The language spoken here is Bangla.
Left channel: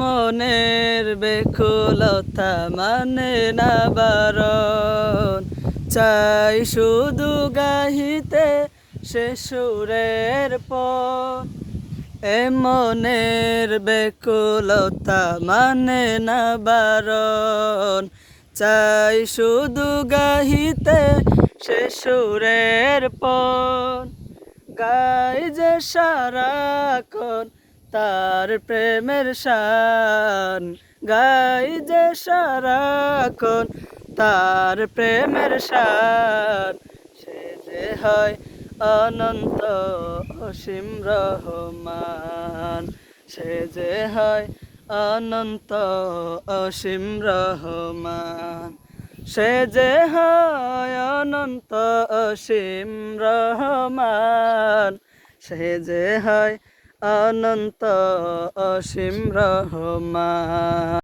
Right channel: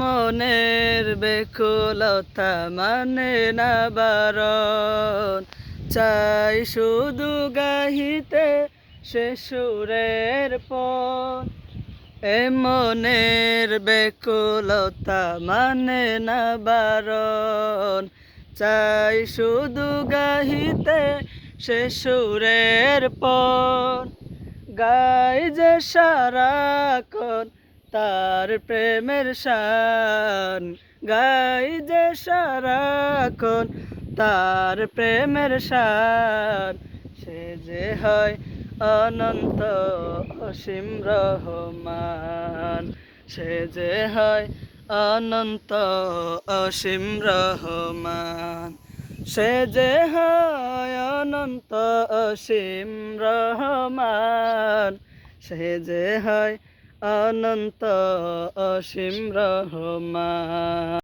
মনের বেকুলতা মানে না বারণ, চাই শুধু গাহিতে সে সুরের পর। মনের বেকুলতা মানে না বারণ, চাই শুধু গাহিতে সে সুরের পর। গাই যে সারাক্ষণ তার প্রেমের শান, গাই যে সারাক্ষণ তার প্রেমের শান। সে যে হয় অনন্ত অসীম রহমান, সে যে হয় অনন্ত অসীম রহমান, সে যে হয় অনন্ত অসীম রহমান, সে যে হয় অনন্ত অসীম রহমান।